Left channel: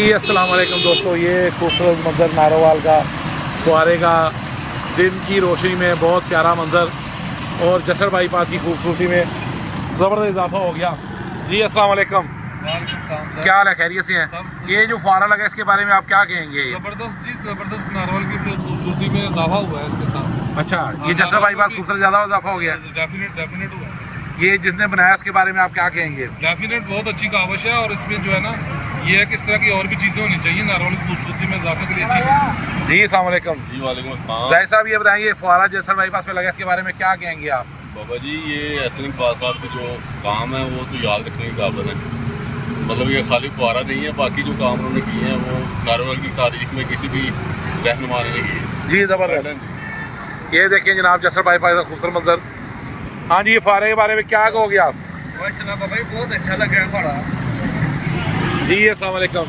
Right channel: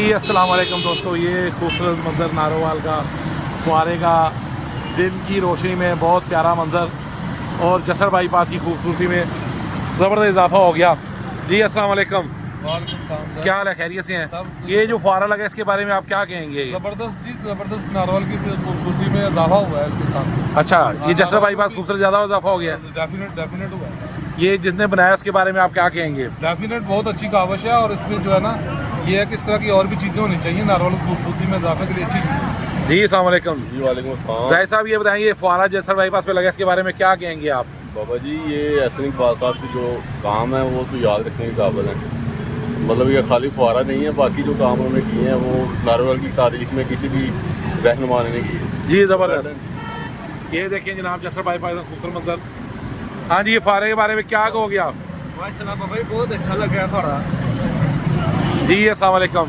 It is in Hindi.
जी अस्सलाम वालेकुम दोस्तों, ये खूबसूरत मंज़र नारोवाल का फुहारे का दिन की रोशनी में बहुत प्यारा मंज़र और जसर बाईपास की खूबसूरती में ज़बरदस्त इजाफा हो गया। जी अस्सलाम वालेकुम, क्या हाल है? खैरियत से हैं? ये जो फुहारा लगा इसके बारे में आप क्या कहेंगे? जबरदस्त जी, जबरदस्त नारोवाल की खूबसूरती में इजाफा हुआ है इसके साथ। अच्छा, ये जसर बाईपास खूबसूरत ज़्यादा इजाफा हो गया है। डेफिनेट हुआ है। ये जिसने बनाया उसके बारे में आप क्या कहेंगे? डेफिनेट बहुत अच्छी कावश है और इसमें जो है ना, ये है कि इस तरह की और भी चीज़ें होनी चाहिए नारोवाल की खूबसूरती में इजाफे के लिए अच्छी चीज़। जी अस्सलाम वालेकुम। जी वालेकुम अस्सलाम। जाहिर साहब ये बताइए, फुहारा जसर बाईपास पे लगा इसके बारे में क्या कहेंगे आप? बाबा जी, ये एहसन इकबाल साहब की जो काम है वो तो याद रखने के काबिल है। मतलब ये खाली फुहारा नहीं है, बाकी जो काम उन्होंने किए हैं वो नारोवाल की तारीख में किसी भी रहनुमा ने नहीं किए। जी ज़बरदस्त। ये देखें जनाब, जसर बाईपास का खूबसूरत मंजर। हाँ जी, ये फुहारे के बारे में क्या कहोगे आप? माशाल्लाह बाबा, बहुत अच्छा लगा है फुहारा। जी अस्सलाम वालेकुम।